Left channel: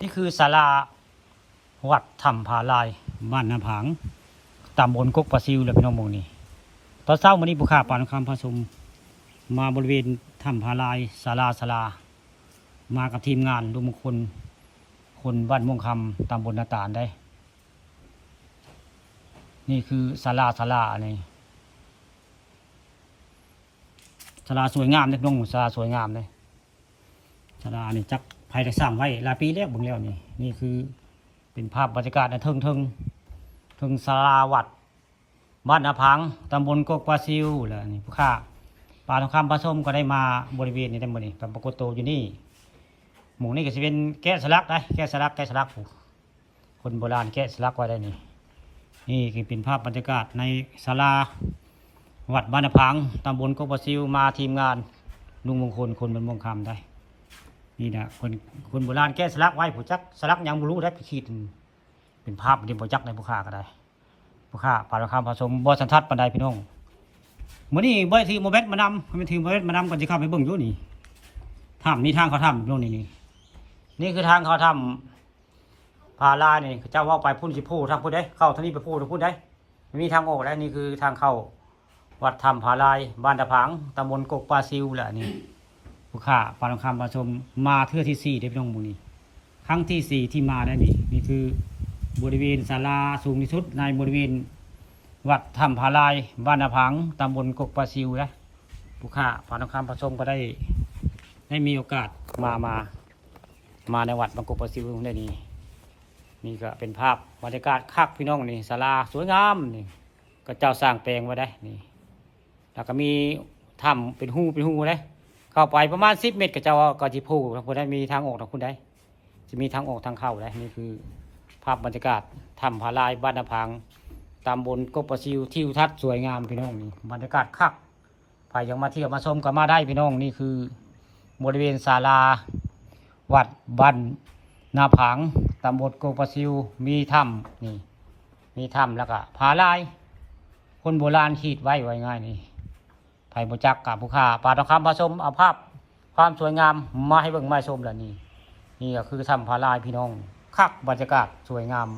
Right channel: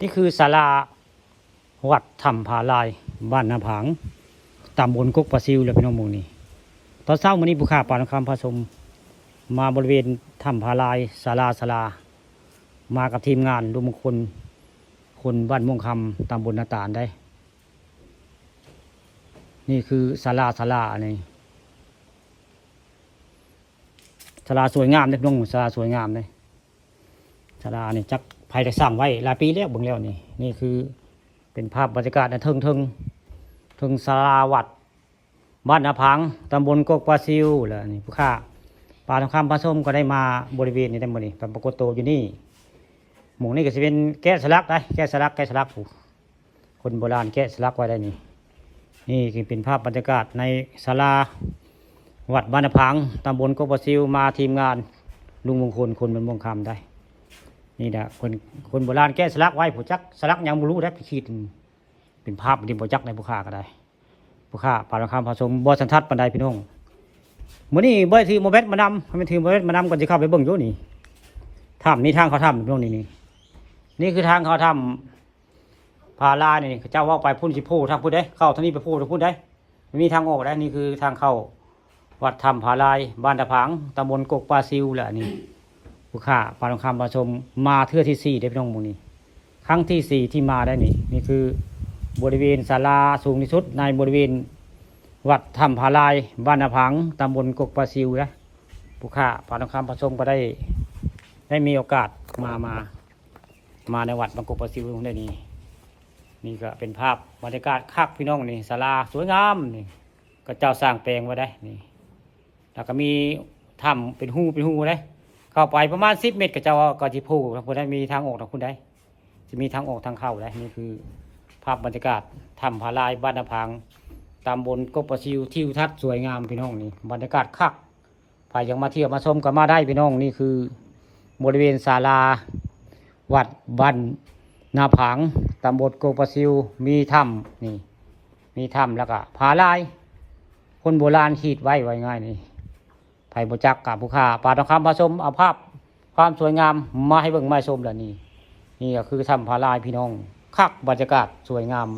นี่คือศาลาวัดถ้ำผาลายบ้านนาผางตำบลกกปลาซิวเลยพี่น้องหมู่นี่ตอนเช้าวันนี้ผู้ข้าป่านครพาสมมาบริเวณถ้ำผาลายศาลามากับทีมงานดูมงคลคนบ้านม่วงคำตำบลนาตาลได้นี่คือศาลานี่ศาลาสวยงามเลยพี่น้องศาลาสวยงามเลยศาลาเนี่ยจักภายได้สร้างไว้หลายปีแล้วเบิ่งแล้วนี่คือเป็นภาพบรรยากาศในเทิงศาลาวัดบ้านนาผางตำบลกกปลาซิวแล้วนี่ผู้ข้าป่าทองคำพระส้มก็ได้มาบริเวณนี้ได้หมดนี่ตำบลโกโตอยู่นี่หมู่นี่ก็จะเป็นแกะสลักได้แกะสลักคนโบราณแกะสลักไว้ได้นี่คือเป็นภาพบรรยากาศในศาลาวัดบ้านนาผางตำบลกกปลาซิวมาทีมงานลุงมงคลคนมันมงคำได้นี่นะคนโบราณแกะสลักไว้ผู้จักสลักยังไม่รู้ได้ไปคิดเป็นภาพดินโบจักในผู้ข้าก็ได้ผู้ข้าป่าทองคำผสมบัวสันทัดปันไดพี่น้องมื้อนี้บ่ทีโมเบสมานำไม่ทีโมเบสมานำก่อนจะเข้าไปเบิ่งอยู่นี่ถ้ำนี่ทางเขาถ้ำตรงนี้นี่คือทางเขาถ้ำผาลานี่เจ้าว่าไปพุ่นสิโพทางพุ่นได้เข้าทางนี้ไปโพทางพุ่นได้มีทางออกได้นี่คือทางเข้าวัดถ้ำผาลายบ้านตะพังตำบลกกปลาซิวแหละนี่ผู้ข้าป่าทองคำผสมมาเทื่อที่4ได้พี่น้องหมู่นี้ครั้งที่4ที่มาได้นี่คือบริเวณศาลาสูงที่สุดในบริเวณวัดถ้ำผาลายบ้านนาพังตำบลกกปลาซิวนะผู้ข้าป่าทองคำผสมก็ได้มีโอกาสมาในวัดบางกกปลาซิวตรงนี้นี่ก็เป็นภาพบรรยากาศคักพี่น้องนี่ศาลาสวยงามนี่ก็เจ้าสร้างแปลงไว้ได้นี่แล้วก็มีถ้ำเป็นหูได้เข้าไปประมาณ10 เมตรก็เจ้าก็จิพูทางคนได้มีทางออกทางคนได้จะมีทางออกทางเข้าได้นี่คือภาพบรรยากาศถ้ำผาลายบ้านนาพังตำบลกกปลาซิวทิวทัศน์สวยงามพี่น้องนี่บรรยากาศคักใครยังมาเที่ยวมาชมก็มาได้พี่น้องนี่คือบริเวณศาลาวัดบ้านนาพังตำบลกกปลาซิวมีถ้ำนี่มีถ้ำแล้วก็ผาลายคนโบราณขีดไว้ง่ายนี่ไผ่บจักกับผู้ค้าป่าทองคำผสมเอาภาพความสวยงามมาให้เบิ่งมาชมแล้วนี่ก็คือถ้ำผาลายพี่น้องคักบรรยากาศสวยงาม